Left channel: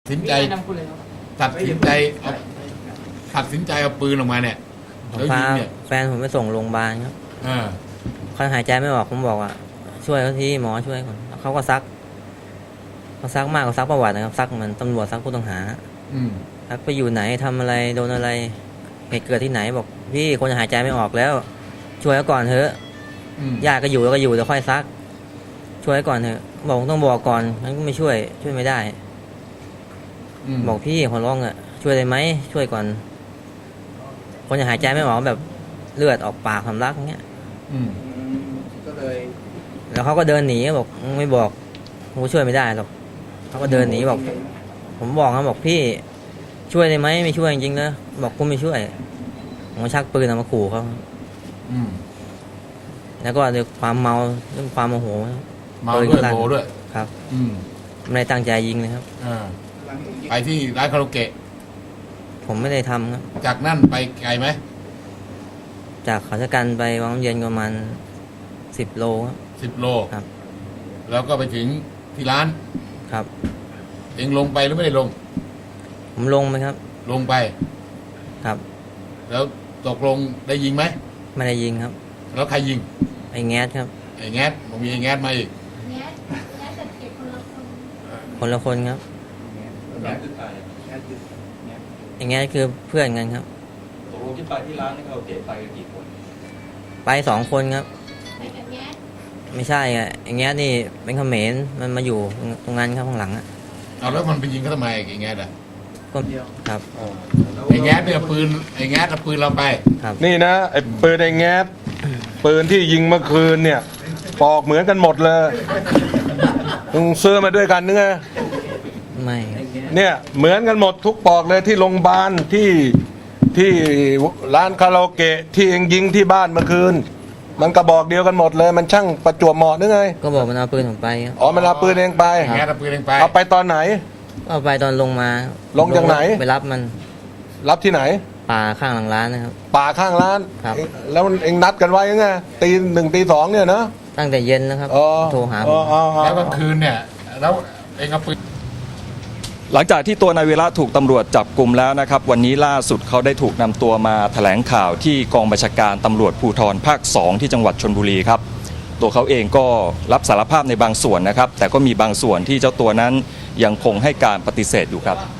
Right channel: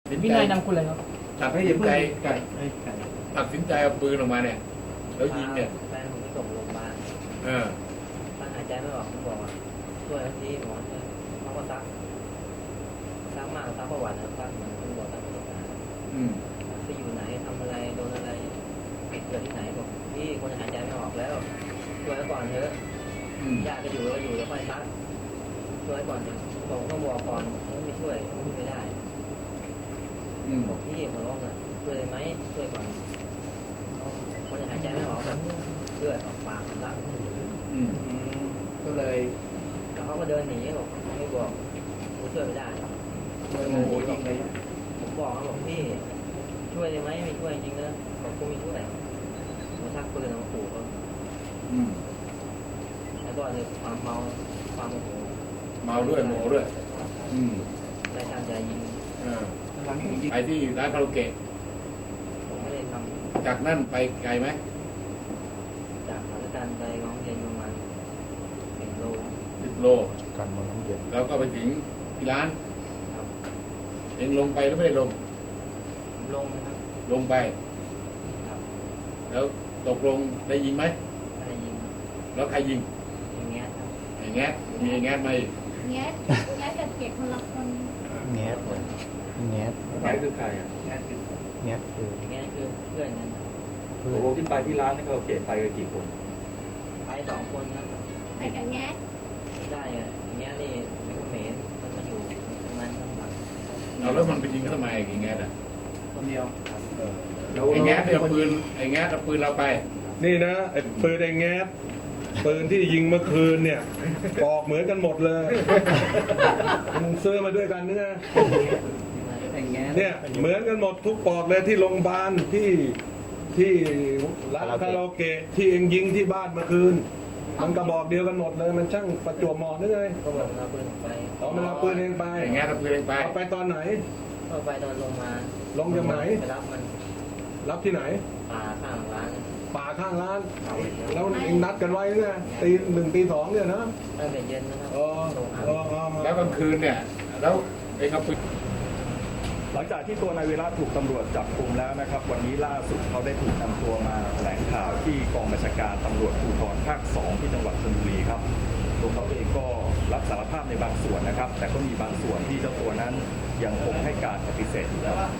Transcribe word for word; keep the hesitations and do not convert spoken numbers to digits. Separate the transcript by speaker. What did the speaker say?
Speaker 1: สินใจตัดสินใจตัดสินใจเอาปืนออกมาเนี่ยแล้วยิ
Speaker 2: พาง
Speaker 1: เนี่ย
Speaker 2: แฟนผมไปส่งโรงพยาบาลครับ
Speaker 1: เออ
Speaker 2: เขาหายใจไม่ออกผมบอกว่าช่วยเขาทีหมอช่วยก่อนเขาก็ซักเขาซักมากกว่าซักประวัตินะครับซักเหมือนตำรวจซักผู้ต้องหา
Speaker 1: อืม
Speaker 2: ซักไปอยู่ไหนทำอะไรโดนอะไรเหตุเกิดที่ไหนบอกพี่คนหายใจไม่ออกแล้ว ช่วยเขาก่อนเถอะ
Speaker 1: อืม
Speaker 2: ญาติก็อยู่แล้วก็อยู่เดี๋ยวค่อยซัก ช่วยเขาก่อนเถอะบอกต้องบอกก่อนมันก็ไม่ช่วยช่วยไม่ได้
Speaker 1: ม
Speaker 2: บอกพี่ขอร้องอ่ะช่วยได้ไหมช่วยก่อน คนจะหายใจไม่ออกแบบเลือดออกปากสำลักเงี้ย
Speaker 1: อืม
Speaker 3: ก็เลย
Speaker 2: แล้วเขาก็เดินหนีบอกมึงไม่บอกกูช่วยไม่ได้หรอกเขาก็เดินหนีบอก ผมบอกเขาบอกพี่ช่วยได้ไหมไม่ช่วยจริงๆเลยบอกกูไม่ช่วยผมก็ชักปืนออกมาขู่เขา
Speaker 1: อืม
Speaker 2: แล้วก็ด้วยความเมาด้วยความโมโห
Speaker 1: เมาด้วยโมด้วย
Speaker 2: ครับ
Speaker 1: อืม
Speaker 2: ไม่ได้ตั้งใจยิงเลยครับ
Speaker 1: เออ
Speaker 3: หลังจากยิง
Speaker 1: ไปที่ร้านคาราโอเกะ
Speaker 2: ผมไม่ได้ทำครับ
Speaker 1: จากนั่นไปไกลไหม
Speaker 2: จากเขาชะกันไปวังน้ำเย็นประมาณสิบโลครับ
Speaker 1: สิบโล
Speaker 2: ครับ
Speaker 1: แล้วก็ไปถึงที่ร้าน
Speaker 2: ครับ
Speaker 1: เองลงไปหรือไม่ได้ลง
Speaker 2: ผมลงไหมครับ
Speaker 1: ลงไป
Speaker 2: ครับ
Speaker 1: แล้วตกลงได้ยิงไหม
Speaker 2: ไม่ได้ยิงครับ
Speaker 1: แล้วใครยิง
Speaker 2: ไอ้แง้ครับ
Speaker 1: ไอ้แงสผมมีไอ้แงสมาอีก
Speaker 4: แง่แง่จะเก็บคนละคน
Speaker 2: คนละคนครับ
Speaker 3: แง่แง่คือใครแง่คือแง่คือ
Speaker 2: ไอ้แง้คือเพื่อนกันครับ
Speaker 5: ตกลงที่ไปที่ร้านนี่เขาเก็บไปกันกี่คน
Speaker 2: ไปสองคนครับ
Speaker 4: ไปกับแง่
Speaker 2: ไม่ใช่อ่ะไอ้แง้นี่เป็นเขมรมันมาอยู่ตรงนั้นครับข้างหลังอ่ะ
Speaker 1: เอาแล้วมันไปยิงเขาทำไมไอ้แงสอ่ะ
Speaker 2: ก็
Speaker 3: เดียว
Speaker 2: ครับ
Speaker 1: ไอ้แงสเนี่ยปืนไอ้แงสเอาปืนเราไป
Speaker 2: ครับ
Speaker 6: นี่นะไอ้ปืนไอ้แก๊สปืนที่ยิงเมื่อคืนเนี่ยปอกเหมือนกันหมดเลยมึงซื้อมาด้วยกันนึกไง
Speaker 2: ไม่
Speaker 6: เนี่ยเหมือนกันหมดทุกปอกเลยที่โรงพยาบาลที่ที่ร้านคาราโอเกะที่เองยิงที่บ้านเมื่อคืน มันกระบอกเดียวกันหมดเลย มันช่างประจวบเหมาะนึกไง
Speaker 2: ก็บอกมันเอาปืนผมไปครับ
Speaker 6: อ๋อมันเอาปืนเองไป
Speaker 1: ไอ้แงสเอาปืนเองไป
Speaker 6: เอาไปตอนไหน
Speaker 2: เอาไปตอนลงมา
Speaker 6: ลงจากไหน
Speaker 2: ไปรับมัน
Speaker 6: รับที่ไหน
Speaker 2: ป่าข้างหลังร้านนะครับ
Speaker 6: ป่าข้างร้าน
Speaker 2: ครับ
Speaker 6: แล้วเองนัดกันไว้ยังไงตีหนึ่งตีสองเนี่ยนะ
Speaker 2: ตั้งแต่เย็นนะครับ
Speaker 6: อ๋อ
Speaker 2: โทรหาผ
Speaker 6: อ๋อ
Speaker 2: ม
Speaker 6: อ๋ออ๋อ
Speaker 1: แล้วกลางคืนเนี่ยแล้วเองเอาปืน
Speaker 5: หลังจากที่ตัวนายวีระถูกตำรวจจับกลุ่มแล้วนะครับวันนี้ล่าสุดเขาได้ถูกนำตัวมาแถลงข่าวที่กองบัญชาการตำรวจภูธรภาคสองที่จังหวัดชลบุรีครับตัวเขาเองก็รับสารภาพในบางส่วนนะครับแต่ก็มีบางส่วนที่เจ้าตัวนั้นยังคงให้การปฏิเสธอยู่ครับ